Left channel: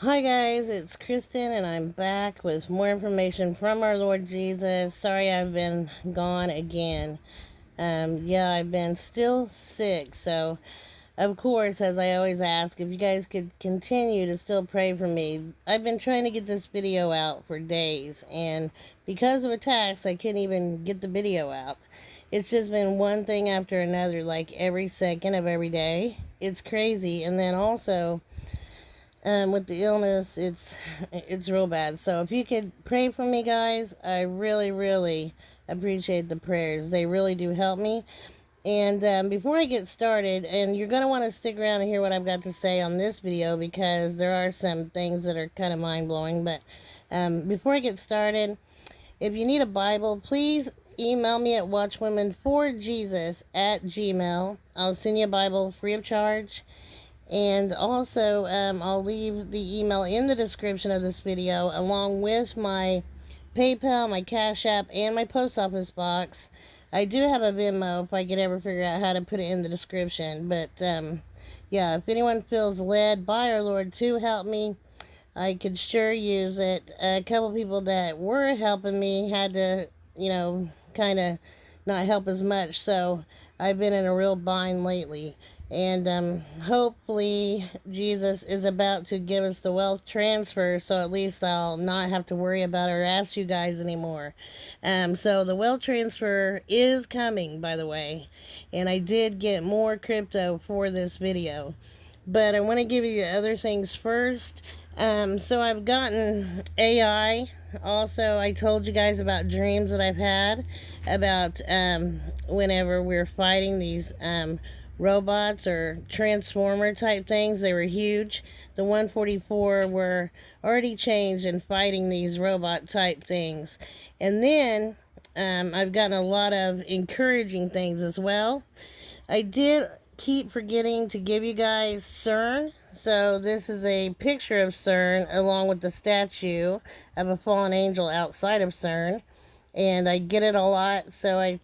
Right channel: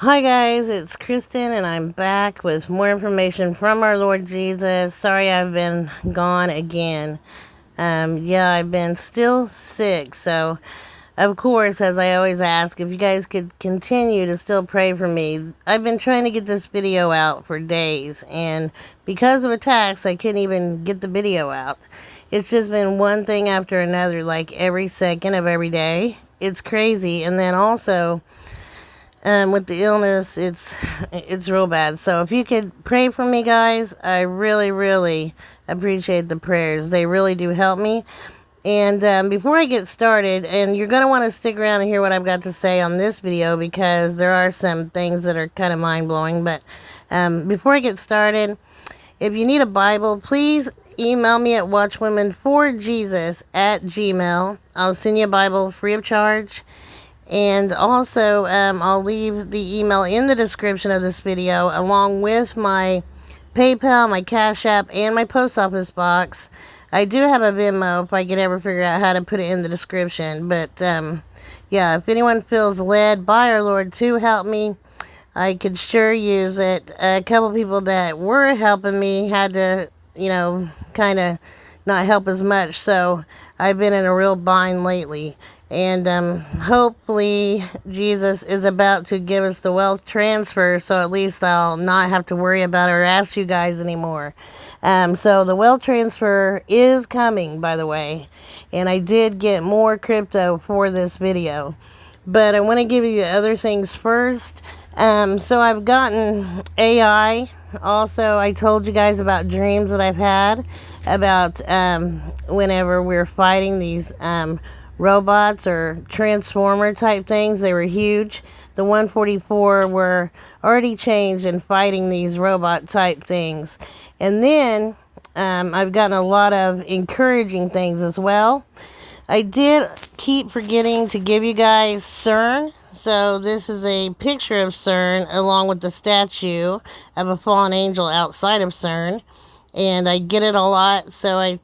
Hi guys, it's Kristen and I'm back with more information from our Lord Jesus. Sorry I've been gone again. I've been still sick, so of course, as I always ask, if you guys could continue to still pray for me. I've been trying to get this video out for days, and because of attacks, I couldn't even get the video out. It's just been one thing after another, like every second of every day. It's crazy, and then also with the illness, it's real bad. So if you could pray for me, guys, I really appreciate the prayers. They really do help me. And before I get started, and you're going to want to stick around and hear what I've got to say on this video because there are some things that are kind of mind-blowing. But before I get started, if you need a Bible, please email me at watchwomenforjesus@gmail. I'll send you a Bible free of charge. And also, I'll leave the email in the description of this video, along with my PayPal, my Cash App, and my post office box. I do have a Venmo if I could ever figure out how to put it in the description. But, if anyone feels led by our Lord to help me, I could sure use it. A couple people that were helping me had to, kind of not help as much. So I've been in a real bind lately. And hopefully Jesus is about to give us the wealth transfer, so at least I'll not have to worry about it or ask you guys anymore. So the wealth transfer is coming, by the way. And I did get more crypto for this video. But I want to give you the other things first. So I've gotten AI. Also, I told you guys about dreams that I've had about whenever we're fighting these robots or transformer type things. They were huge. The 144 were already changed and fighting these robot type things. And then I've gotten a lot of encouraging things as well. I did keep forgetting to give you guys CERN. So this is a picture of CERN along with the statue of a fallen angel outside of CERN. And I get it a lot, so I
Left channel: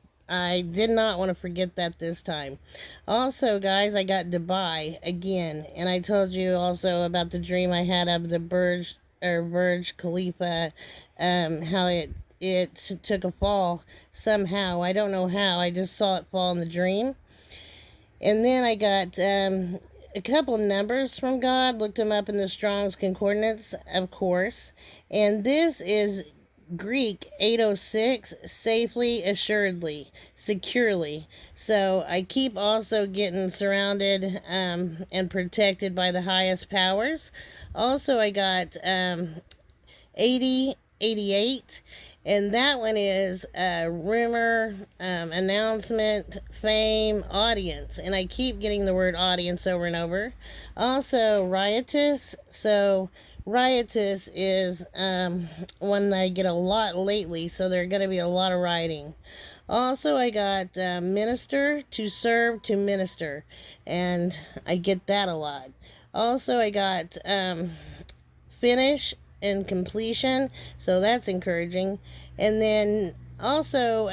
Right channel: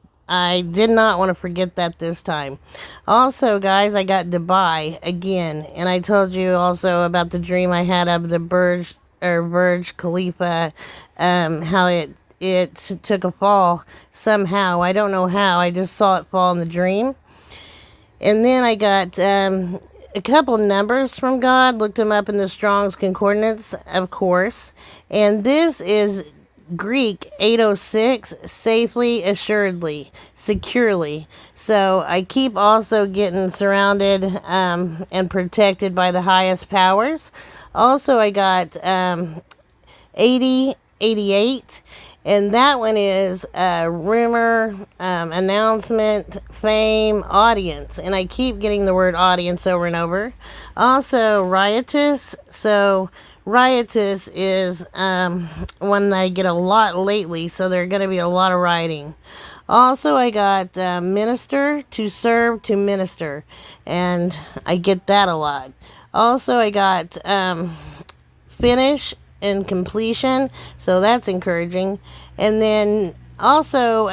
did not want to forget that this time. Also, guys, I got Dubai again, and I told you also about the dream I had of the Burj Khalifa, how it took a fall somehow. I don't know how. I just saw it fall in the dream. And then I got a couple numbers from God, looked them up in the Strong's Concordance, of course. And this is Greek 806, safely, assuredly, securely. So I keep also getting surrounded and protected by the highest powers. Also, I got 8088, and that one is rumor, announcement, fame, audience. And I keep getting the word audience over and over. Also, riotous. So riotous is one that I get a lot lately, so there's going to be a lot of rioting. Also, I got minister, to serve, to minister, and I get that a lot. Also, I got finish and completion, so that's encouraging. And then also,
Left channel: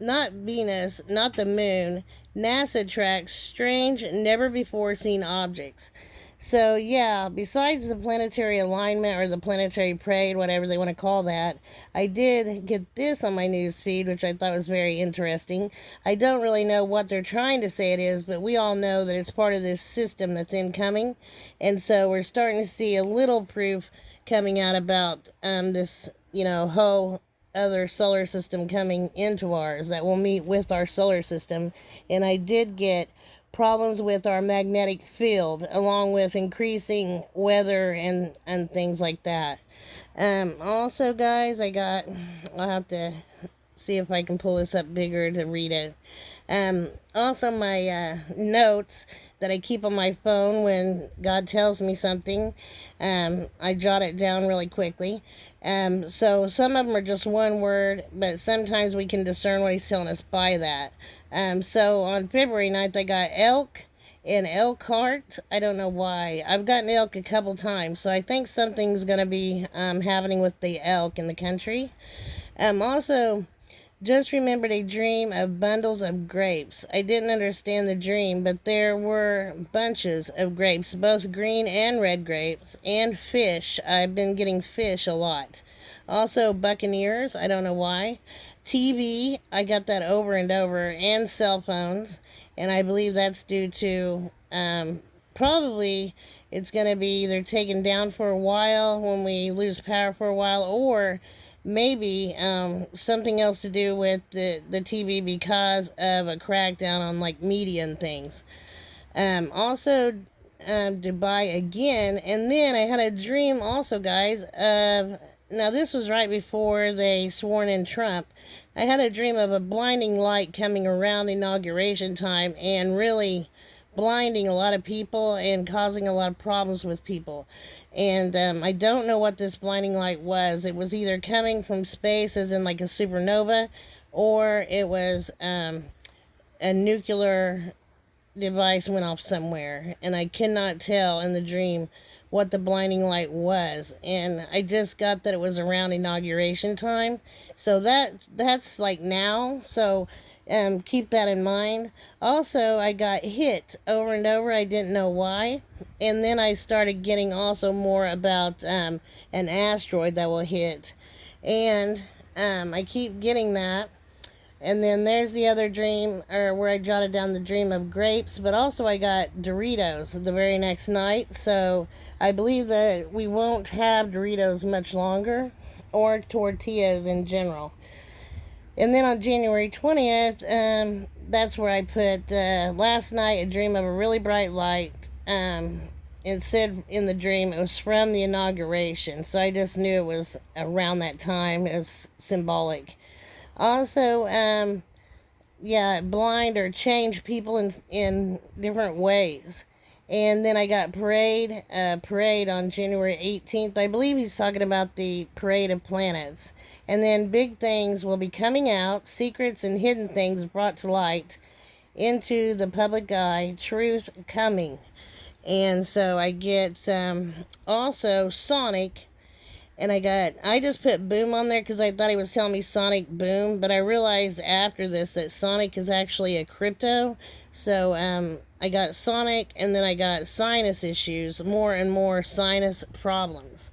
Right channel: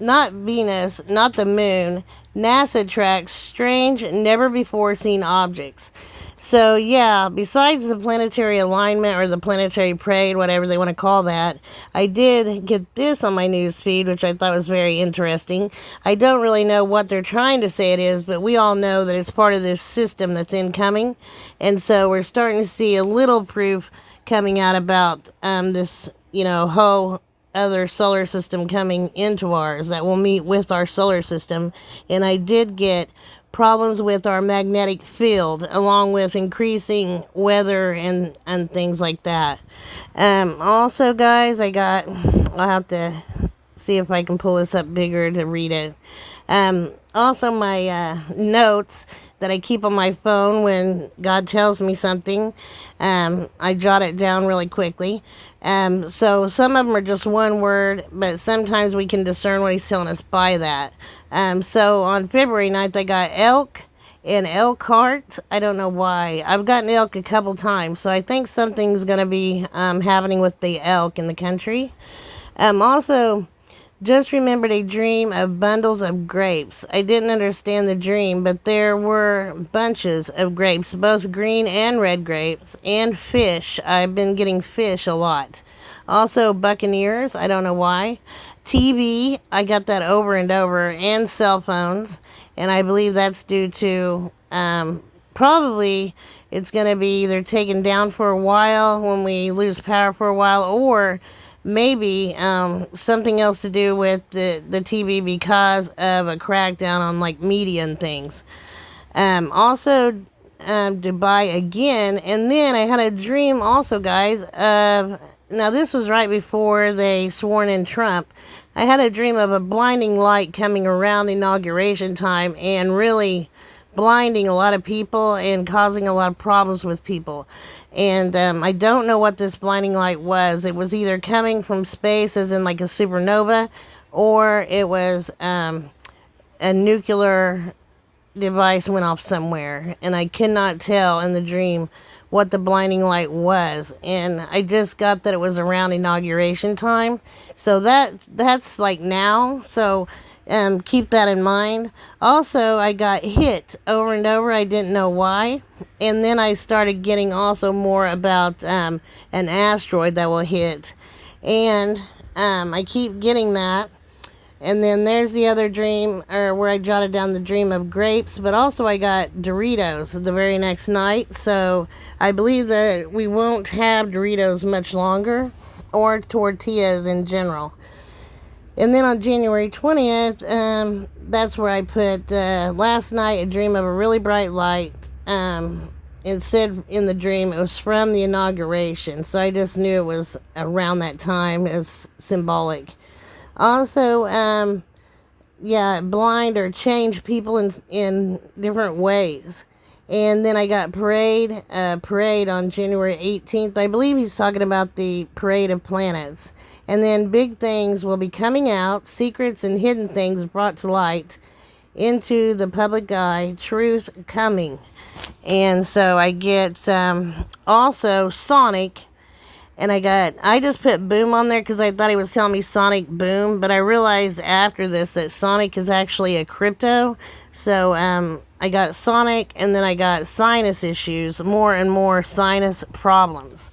not Venus, not the moon, NASA tracks strange, never before seen objects. So yeah, besides the planetary alignment or the planetary parade, whatever they want to call that, I did get this on my news feed, which I thought was very interesting. I don't really know what they're trying to say it is, but we all know that it's part of this system that's incoming. And so we're starting to see a little proof coming out about this, whole other solar system coming into ours that will meet with our solar system. And I did get problems with our magnetic field, along with increasing weather and things like that. Also, guys, I'll have to see if I can pull this up bigger to read it. Also, my notes that I keep on my phone when God tells me something, I jot it down really quickly. So some of them are just one word, but sometimes we can discern what he's telling us by that. So on February 9th, I got elk and elk heart. I don't know why. I've gotten elk a couple times, so I think something's going to be happening with the elk in the country. Also, Just remembered a dream of bundles of grapes. I didn't understand the dream, but there were bunches of grapes, both green and red grapes, and fish. I've been getting fish a lot. Also, buccaneers. I don't know why. TV. I got that over and over, and cell phones. And I believe that's due to probably it's going to be either taken down for a while when we lose power for a while, or maybe something else to do with the TV because of a crackdown on like media and things. Also, Dubai again, and then I had a dream also, guys. Now this was right before they sworn in Trump. I had a dream of a blinding light coming around inauguration time and really blinding a lot of people and causing a lot of problems with people. And I don't know what this blinding light was. It was either coming from space, as in like a supernova, or it was a nuclear device went off somewhere. And I cannot tell in the dream what the blinding light was. And I just got that it was around inauguration time. So that's like now. So keep that in mind. Also, I got hit over and over. I didn't know why. And then I started getting also more about an asteroid that will hit. And I keep getting that. And then there's the other dream, or where I jotted down the dream of grapes. But also I got Doritos the very next night. So I believe that we won't have Doritos much longer, or tortillas in general. And then on January 20th, that's where I put last night a dream of a really bright light. It said in the dream it was from the inauguration, so I just knew it was around that time as symbolic. Also, blind or change people in different ways. And then I got parade on January 18th. I believe he's talking about the parade of planets. And then big things will be coming out, secrets and hidden things brought to light into the public eye, truth coming. And so I get also Sonic. And I just put Boom on there because I thought he was telling me Sonic Boom. But I realized after this that Sonic is actually a crypto. So I got Sonic, and then I got sinus issues, more and more sinus problems.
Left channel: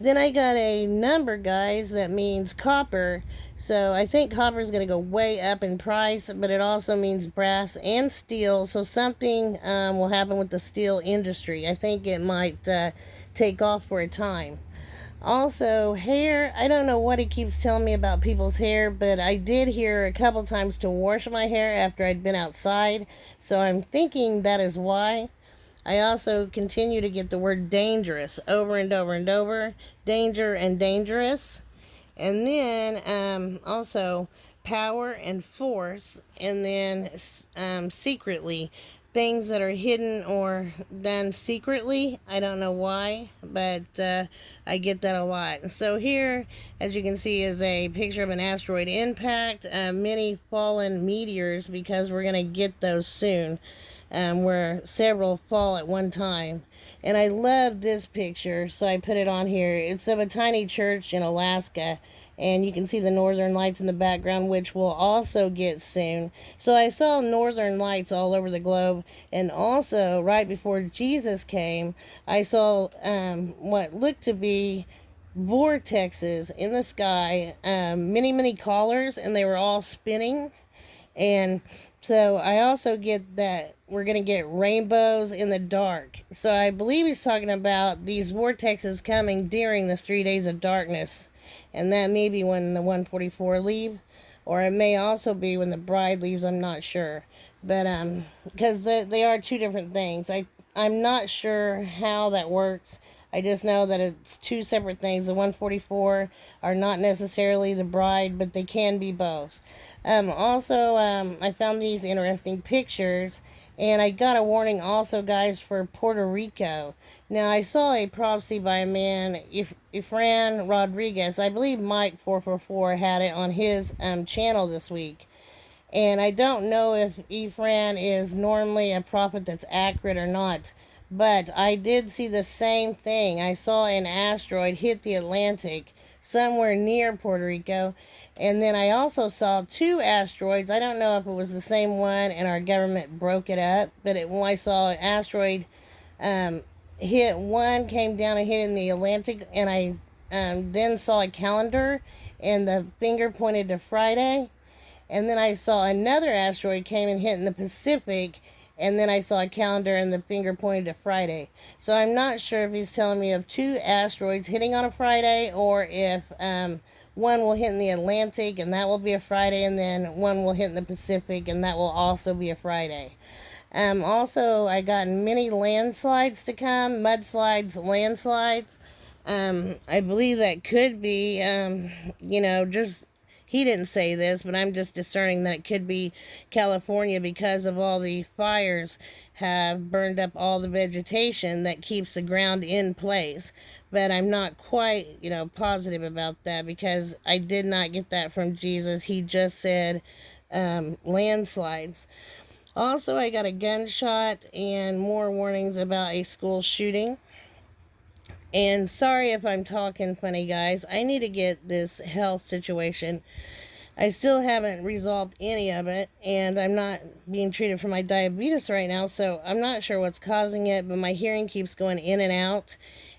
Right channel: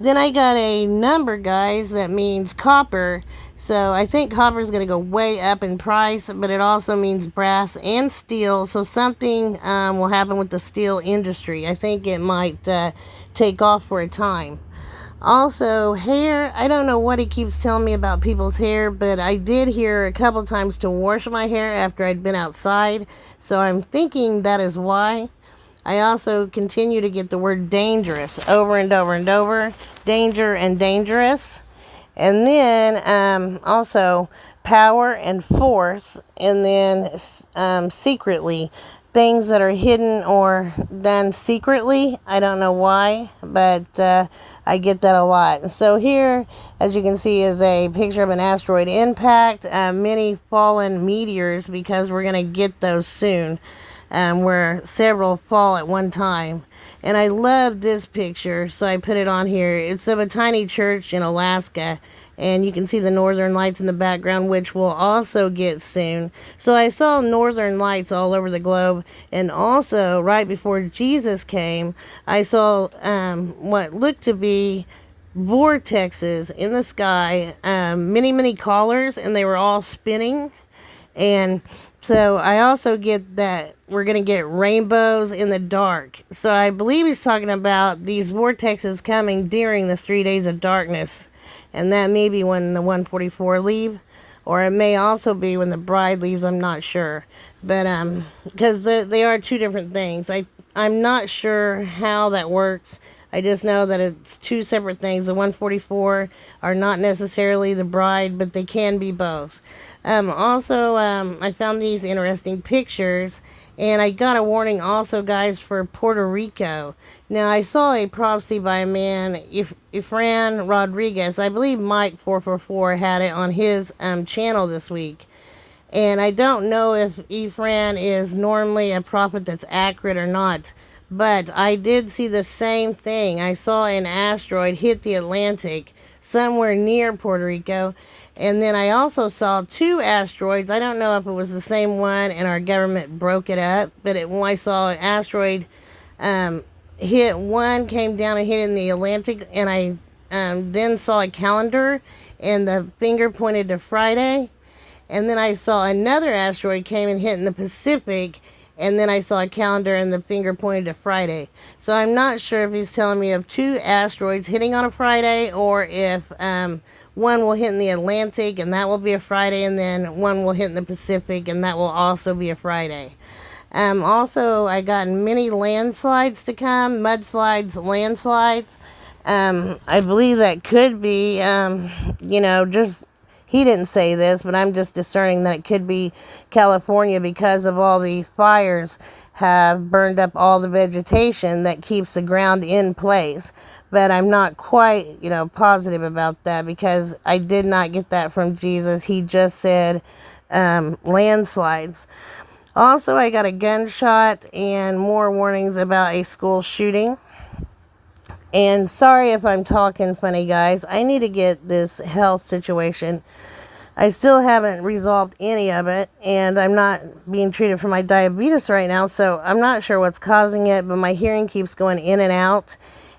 Then I got a number, guys, that means copper. So I think copper is going to go way up in price, but it also means brass and steel. So something will happen with the steel industry. I think it might take off for a time. Also, hair. I don't know what he keeps telling me about people's hair, but I did hear a couple times to wash my hair after I'd been outside. So I'm thinking that is why. I also continue to get the word dangerous over and over and over. Danger and dangerous. And then also power and force. And then secretly. Things that are hidden or done secretly. I don't know why, but I get that a lot. So here, as you can see, is a picture of an asteroid impact. Many fallen meteors, because we're going to get those soon. Where several fall at one time. And I love this picture, so I put it on here. It's of a tiny church in Alaska, and you can see the northern lights in the background, which we'll also get soon. So I saw northern lights all over the globe, and also right before Jesus came, I saw what looked to be vortexes in the sky, many collars, and they were all spinning. And so I also get that we're going to get rainbows in the dark. So I believe he's talking about these vortexes coming during the 3 days of darkness. And that may be when the 144 leave. Or it may also be when the bride leaves. I'm not sure. But because they are two different things. I'm not sure how that works. I just know that it's two separate things. The 144 are not necessarily the bride, but they can be both. Also, I found these interesting pictures, and I got a warning also, guys, for Puerto Rico. Now, I saw a prophecy by a man, Efran Rodriguez. I believe Mike 444 had it on his channel this week. And I don't know if Efran is normally a prophet that's accurate or not. But I did see the same thing. I saw an asteroid hit the Atlantic. somewhere near Puerto Rico. And then I also saw 2 asteroids. I don't know if it was the same one and our government broke it up, but when I saw an asteroid hit one, came down and hit in the Atlantic, and I then saw a calendar and the finger pointed to Friday. And then I saw another asteroid came and hit in the Pacific, and then I saw a calendar and the finger pointed to Friday. So I'm not sure if he's telling me of 2 asteroids hitting on a Friday, or if one will hit in the Atlantic and that will be a Friday, and then one will hit in the Pacific and that will also be a Friday. Also, I got many landslides to come, mudslides, landslides. I believe that could be, just, he didn't say this, but I'm just discerning that it could be California, because of all the fires have burned up all the vegetation that keeps the ground in place. But I'm not quite, positive about that, because I did not get that from Jesus. He just said landslides. Also, I got a gunshot and more warnings about a school shooting. And sorry if I'm talking funny, guys. I need to get this health situation. I still haven't resolved any of it, and I'm not being treated for my diabetes right now, so I'm not sure what's causing it, but my hearing keeps going in and out,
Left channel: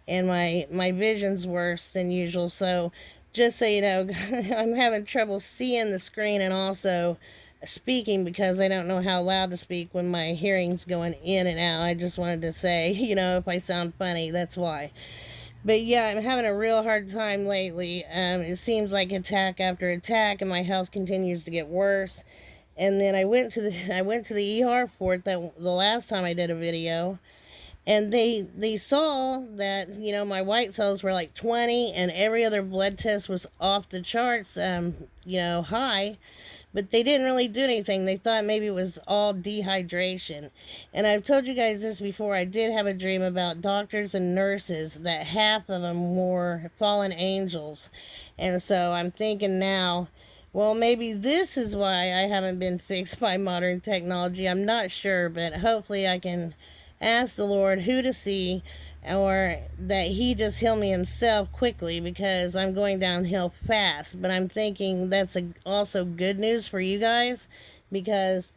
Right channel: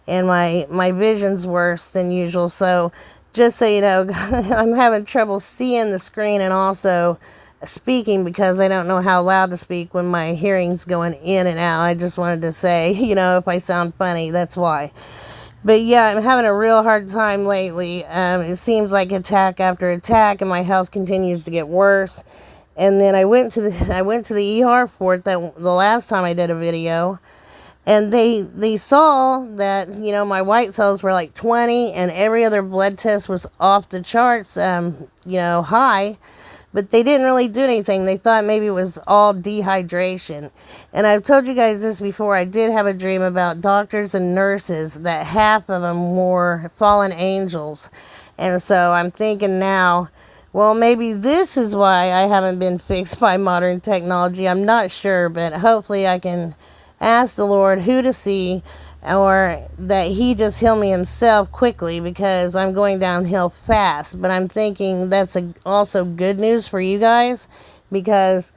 and my vision's worse than usual. So just so you know, I'm having trouble seeing the screen and also speaking, because I don't know how loud to speak when my hearing's going in and out. I just wanted to say, if I sound funny, that's why. But yeah, I'm having a real hard time lately. It seems like attack after attack, and my health continues to get worse. And then I went to the ER for it the last time I did a video, and they saw that my white cells were like 20, and every other blood test was off the charts, high. But they didn't really do anything. They thought maybe it was all dehydration. And I've told you guys this before. I did have a dream about doctors and nurses, that half of them were fallen angels. And so I'm thinking now, well, maybe this is why I haven't been fixed by modern technology. I'm not sure, but hopefully I can ask the Lord who to see, or that he just heal me himself quickly, because I'm going downhill fast. But I'm thinking that's also good news for you guys, because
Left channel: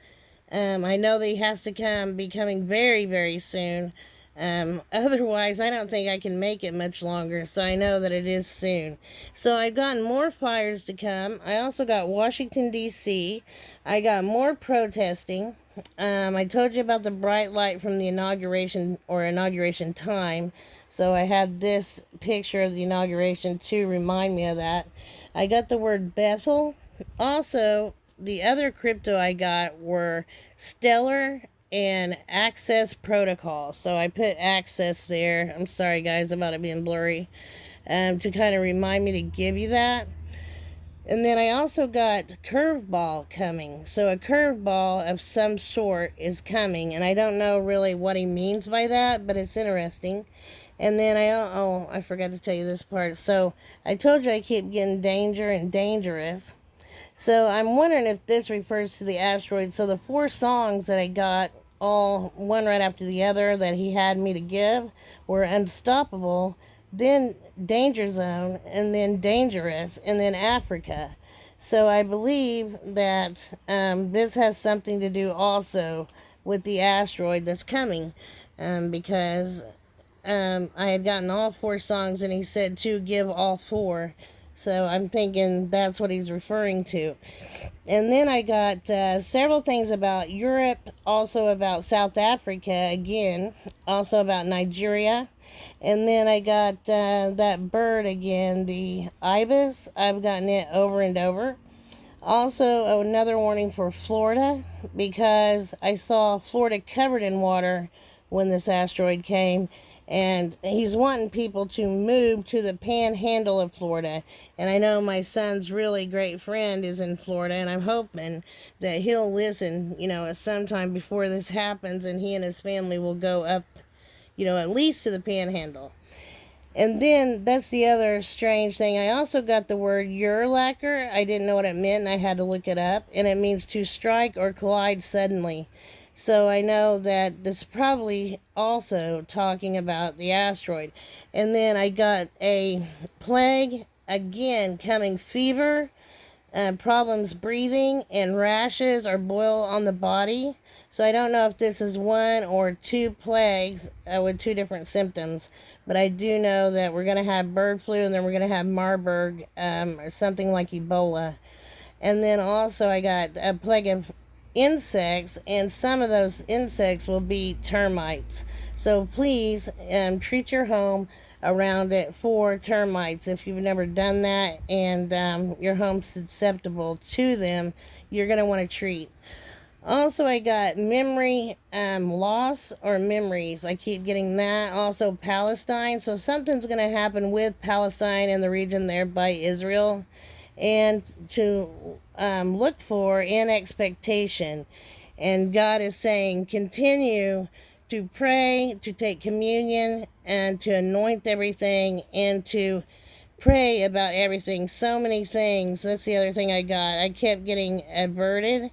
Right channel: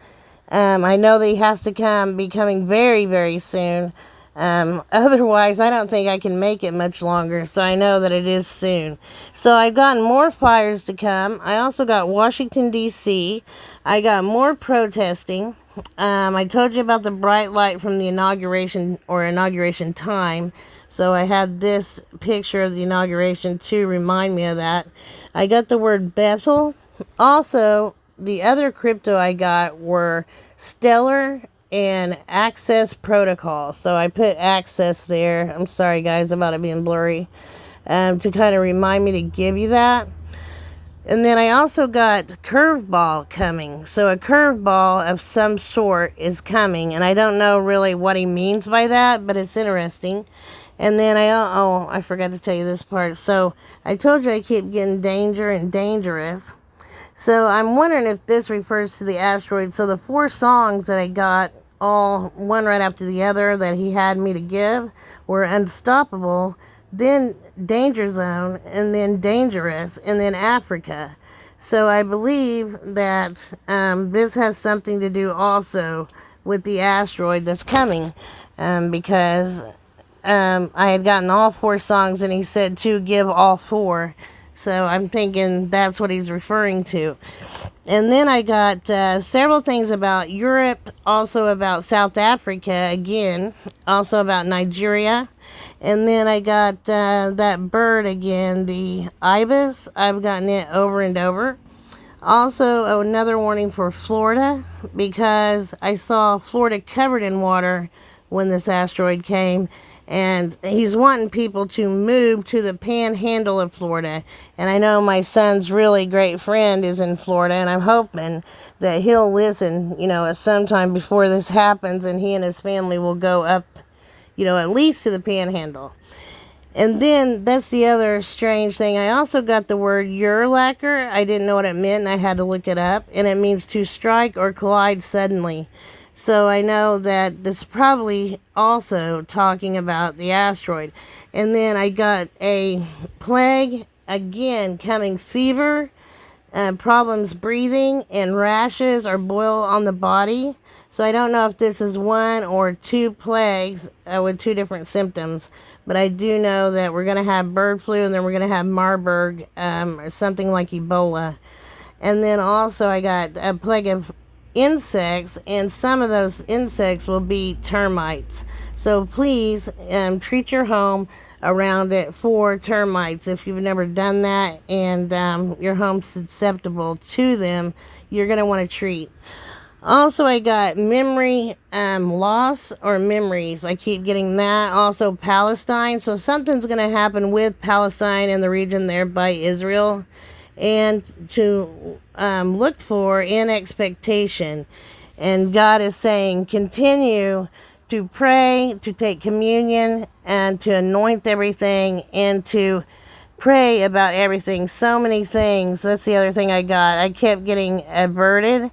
I know that he has to be coming very, very soon. Otherwise, I don't think I can make it much longer. So I know that it is soon. So I've gotten more fires to come. I also got Washington, D.C. I got more protesting. I told you about the bright light from the inauguration time. So I had this picture of the inauguration to remind me of that. I got the word Bethel. Also, the other crypto I got were Steller and access protocol. So I put access there. I'm sorry, guys, about it being blurry. To kind of remind me to give you that. And then I also got curveball coming. So a curveball of some sort is coming. And I don't know really what he means by that, but it's interesting. And then I forgot to tell you this part. So I told you I keep getting danger and dangerous. So I'm wondering if this refers to the asteroid. So the 4 songs that I got, all one right after the other, that he had me to give, were Unstoppable, then Danger Zone, and then Dangerous, and then Africa. So I believe that this has something to do also with the asteroid that's coming, because I had gotten all 4 songs, and he said to give all 4. So I'm thinking that's what he's referring to. And then I got several things about Europe, also about South Africa again, also about Nigeria. And then I got that bird again, the ibis. I've gotten it over and over. Also, another warning for Florida, because I saw Florida covered in water when this asteroid came. And he's wanting people to move to the panhandle of Florida. And I know my son's really great friend is in Florida, and I'm hoping that he'll listen, at some time before this happens, and he and his family will go up, at least to the panhandle. And then that's the other strange thing. I also got the word Urlacher. I didn't know what it meant, and I had to look it up. And it means to strike or collide suddenly. So I know that this is probably also talking about the asteroid. And then I got a plague again coming fever, problems breathing, and rashes or boil on the body. So I don't know if this is one or two plagues with two different symptoms, but I do know that we're going to have bird flu, and then we're going to have Marburg, or something like Ebola. And then also I got a plague of insects, and some of those insects will be termites. So please treat your home around it for termites. If you've never done that and your home's susceptible to them, you're going to want to treat. Also, I got memory loss or memories. I keep getting that. Also, Palestine. So something's going to happen with Palestine and the region there by Israel, and to look for in expectation. And God is saying, continue to pray, to take communion, and to anoint everything, and to pray about everything. So many things. That's the other thing I got. I kept getting averted.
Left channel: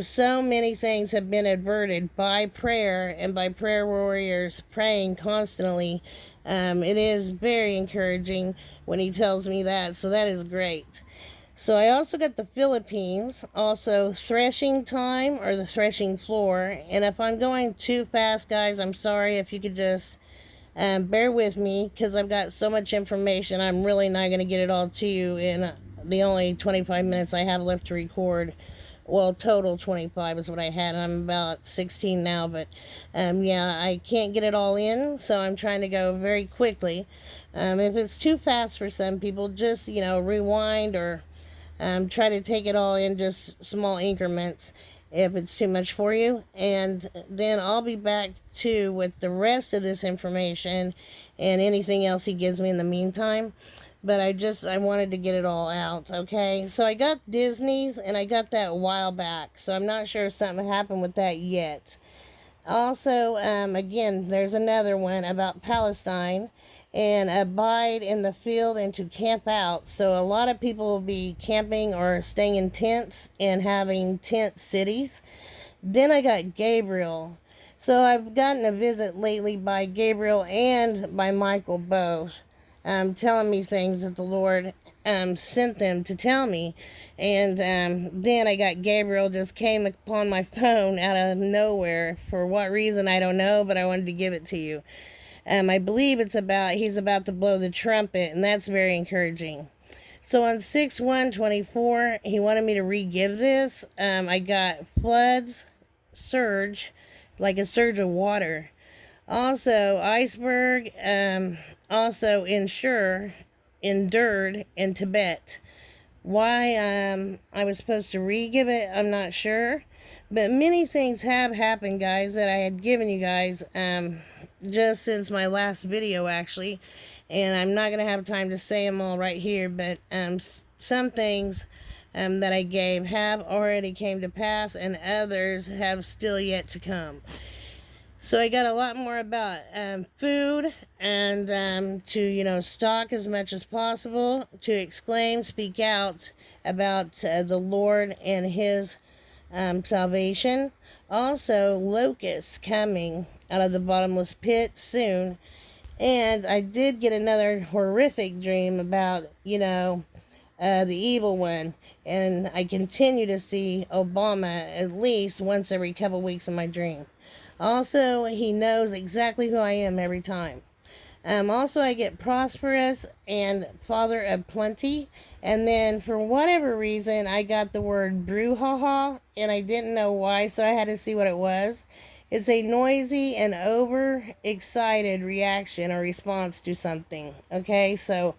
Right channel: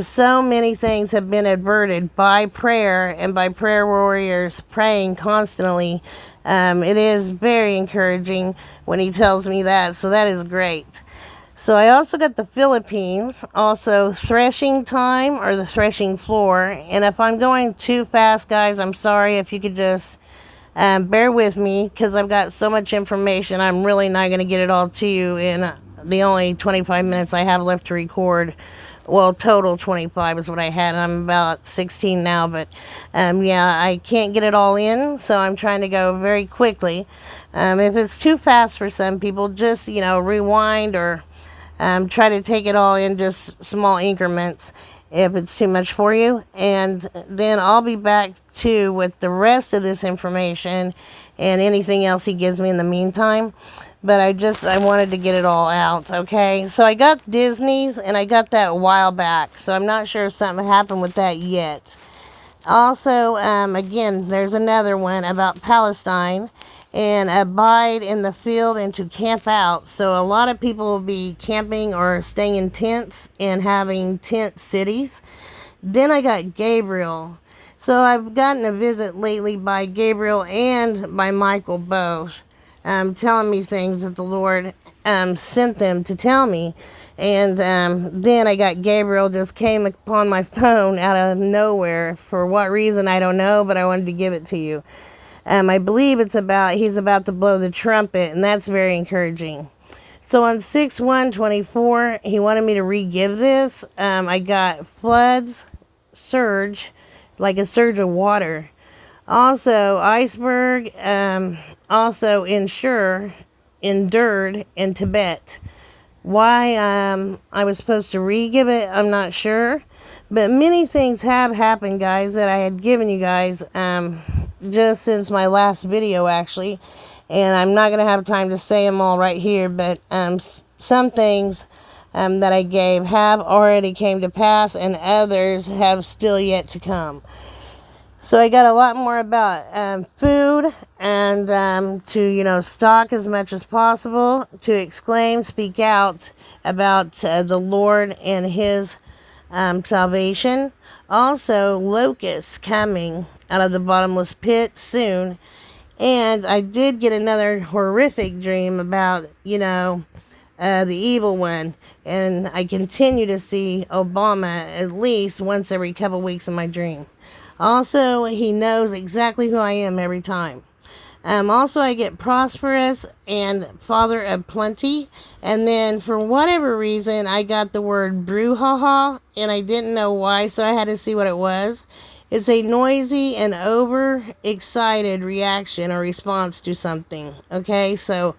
So many things have been averted by prayer and by prayer warriors praying constantly. It is very encouraging when he tells me that, so that is great. So I also got the Philippines, also threshing time or the threshing floor. And if I'm going too fast, guys, I'm sorry. If you could just bear with me, because I've got so much information. I'm really not going to get it all to you in the only 25 minutes I have left to record. Well, total 25 is what I had. I'm about 16 now, but yeah, I can't get it all in, so I'm trying to go very quickly. If it's too fast for some people, just, rewind or try to take it all in just small increments if it's too much for you. And then I'll be back too with the rest of this information and anything else he gives me in the meantime. But I wanted to get it all out, okay? So I got Disney's, and I got that a while back. So I'm not sure if something happened with that yet. Also, again, there's another one about Palestine, and abide in the field and to camp out. So a lot of people will be camping or staying in tents and having tent cities. Then I got Gabriel. So I've gotten a visit lately by Gabriel and by Michael both, telling me things that the Lord sent them to tell me. And then I got Gabriel just came upon my phone out of nowhere. For what reason, I don't know, but I wanted to give it to you. I believe he's about to blow the trumpet, and that's very encouraging. So on 6/1/24, he wanted me to re-give this. I got floods, surge, like a surge of water. Also, iceberg, also endured in Tibet. Why I was supposed to re-give it, I'm not sure. But many things have happened, guys, that I had given you guys just since my last video, actually. And I'm not going to have time to say them all right here, but some things that I gave have already came to pass, and others have still yet to come. So I got a lot more about food, and to, stock as much as possible, to exclaim, speak out about the Lord and his salvation. Also, locusts coming out of the bottomless pit soon. And I did get another horrific dream about, the evil one. And I continue to see Obama at least once every couple weeks in my dream. Also, he knows exactly who I am every time. Also, I get prosperous and father of plenty. And then, for whatever reason, I got the word brouhaha, and I didn't know why, so I had to see what it was. It's a noisy and overexcited reaction or response to something. Okay, so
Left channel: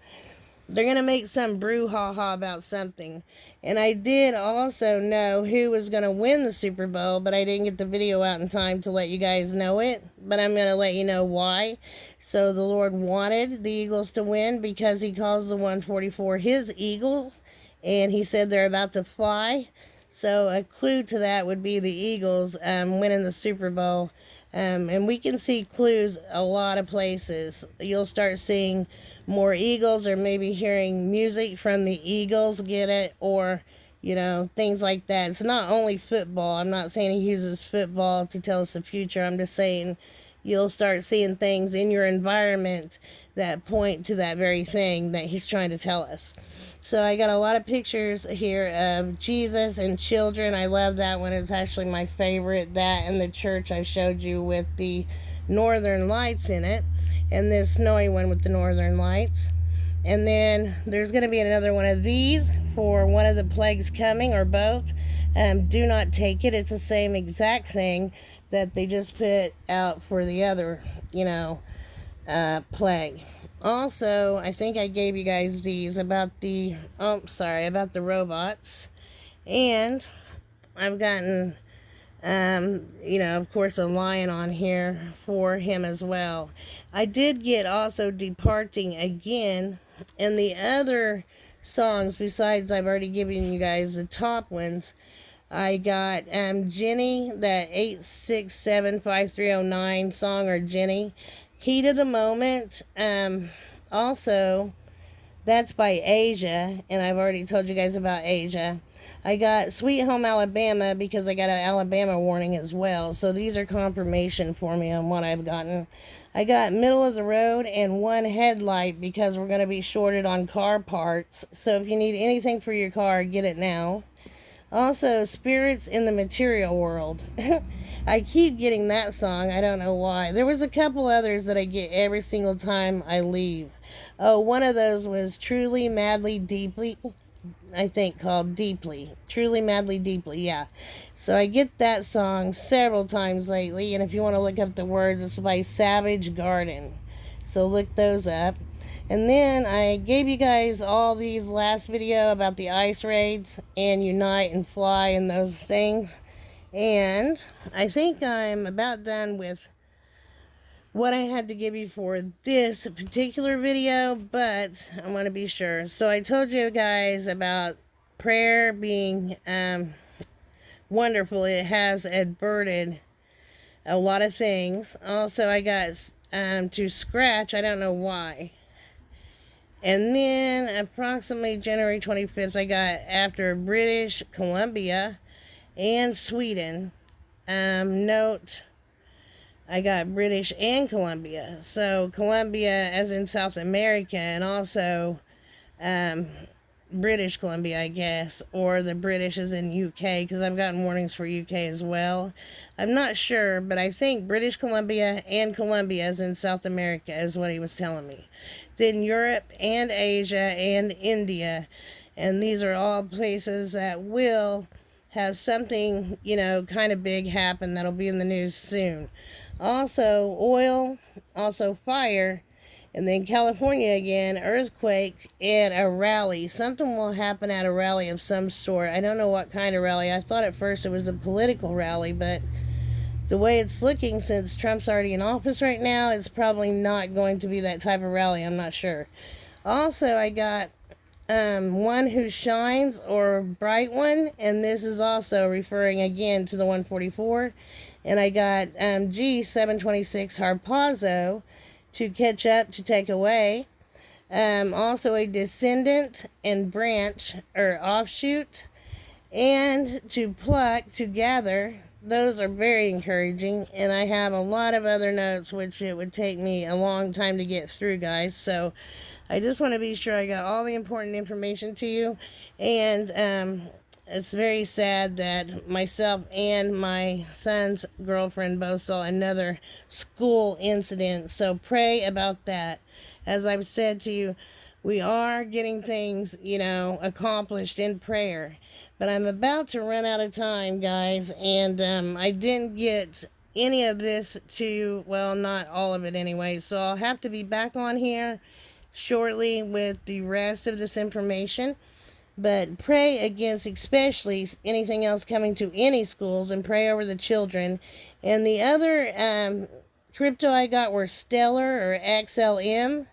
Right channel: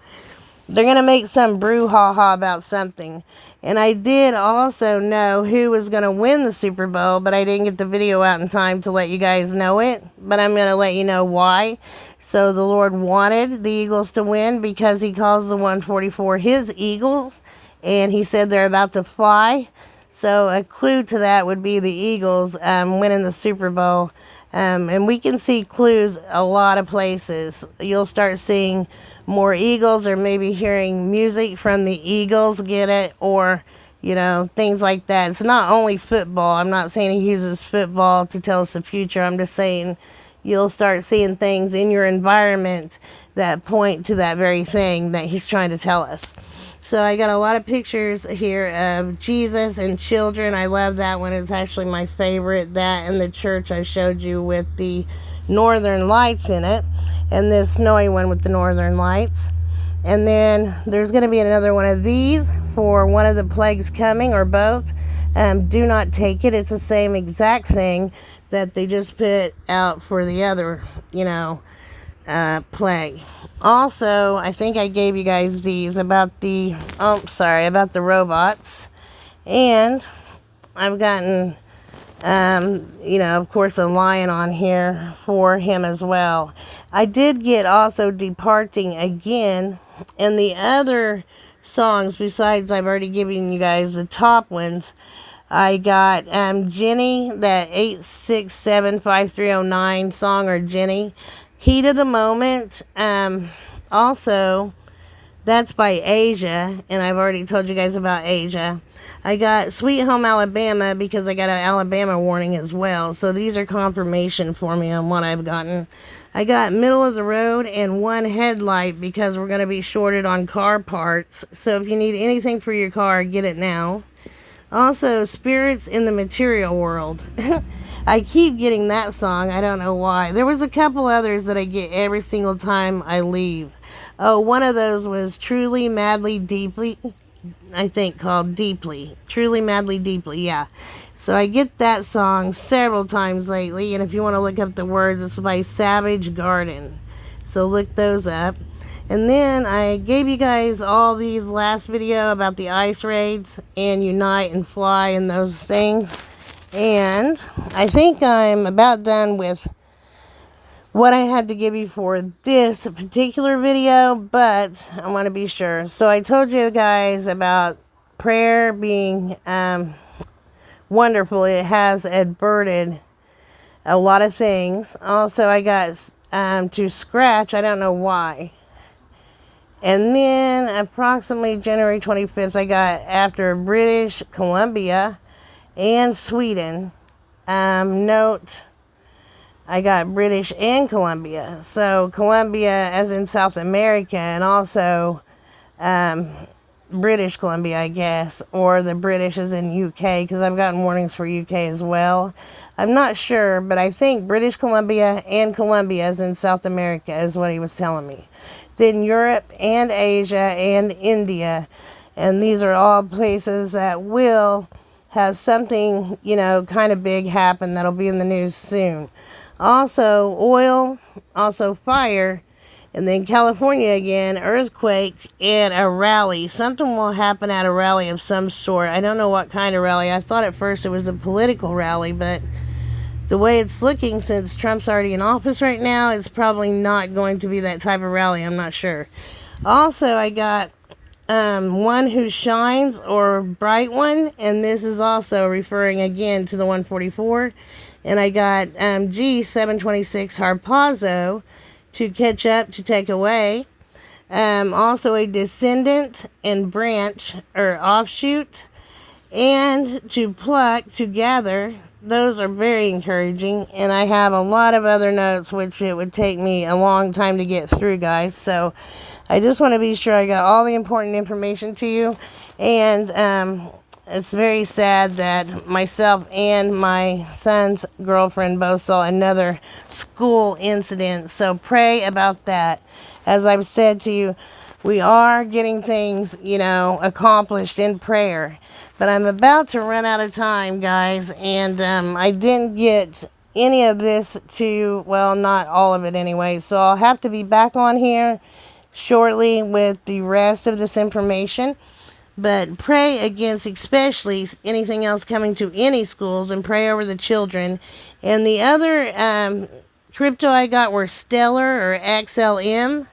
they're going to make some brouhaha about something. And I did also know who was going to win the Super Bowl, but I didn't get the video out in time to let you guys know it. But I'm going to let you know why. So the Lord wanted the Eagles to win because he calls the 144 his Eagles. And he said they're about to fly. So a clue to that would be the Eagles winning the Super Bowl. And we can see clues a lot of places. You'll start seeing more Eagles, or maybe hearing music from the Eagles, get it? Or, things like that. It's not only football. I'm not saying he uses football to tell us the future. I'm just saying you'll start seeing things in your environment that point to that very thing that he's trying to tell us. So I got a lot of pictures here of Jesus and children. I love that one. It's actually my favorite. That and the church I showed you with the northern lights in it, and this snowy one with the northern lights. And then there's going to be another one of these for one of the plagues coming, or both. Do not take it. It's the same exact thing that they just put out for the other, plague. Also, I think I gave you guys these about the robots. And I've gotten, of course, a lion on here for him as well. I did get also Departing again, and the other songs, besides I've already given you guys the top ones, I got Jenny, that 8675309 song, or Jenny. Heat of the Moment. Also, that's by Asia, and I've already told you guys about Asia. I got Sweet Home Alabama because I got an Alabama warning as well. So these are confirmation for me on what I've gotten. I got Middle of the Road and One Headlight because we're going to be shorted on car parts. So if you need anything for your car, get it now. Also, Spirits in the Material World. I keep getting that song. I don't know why. There was a couple others that I get every single time I leave. Oh, one of those was Truly, Madly, Deeply. I think called Deeply. Truly, Madly, Deeply, yeah. So I get that song several times lately. And if you want to look up the words, it's by Savage Garden. So look those up. And then I gave you guys all these last video about the ice raids and Unite and Fly and those things. And I think I'm about done with what I had to give you for this particular video, but I want to be sure. So I told you guys about prayer being wonderful. It has averted a lot of things. Also, I got to scratch. I don't know why. And then approximately January 25th, I got after British Columbia and Sweden. Note, I got British and Columbia. So Columbia as in South America, and also British Columbia, I guess. Or the British as in UK, because I've gotten warnings for UK as well. I'm not sure, but I think British Columbia and Columbia as in South America is what he was telling me. Then Europe and Asia and India, and these are all places that will have something, kind of big happen that'll be in the news soon. Also oil, also fire, and then California again, earthquake, and a rally. Something will happen at a rally of some sort. I don't know what kind of rally. I thought at first it was a political rally, but the way it's looking, since Trump's already in office right now, it's probably not going to be that type of rally. I'm not sure. Also, I got One Who Shines, or Bright One, and this is also referring again to the 144. And I got G726 Harpazo, To Catch Up, To Take Away. Also a Descendant and Branch, or Offshoot, and To Pluck, To Gather. Those are very encouraging, and I have a lot of other notes which it would take me a long time to get through, guys. So I just want to be sure I got all the important information to you. And it's very sad that myself and my son's girlfriend both saw another school incident. So pray about that. As I've said to you, we are getting things, accomplished in prayer. But I'm about to run out of time, guys, and I didn't get any of this not all of it anyway, so I'll have to be back on here shortly with the rest of this information. But pray against especially anything else coming to any schools, and pray over the children. And the other crypto I got were Steller, or XLM,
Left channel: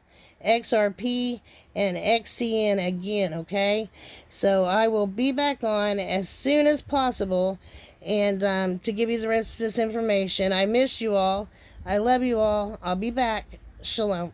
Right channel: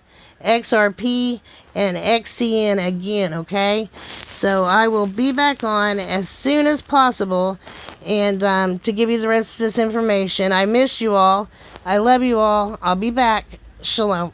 XRP, and XCN again, okay? So I will be back on as soon as possible, and to give you the rest of this information. I miss you all. I love you all. I'll be back. Shalom.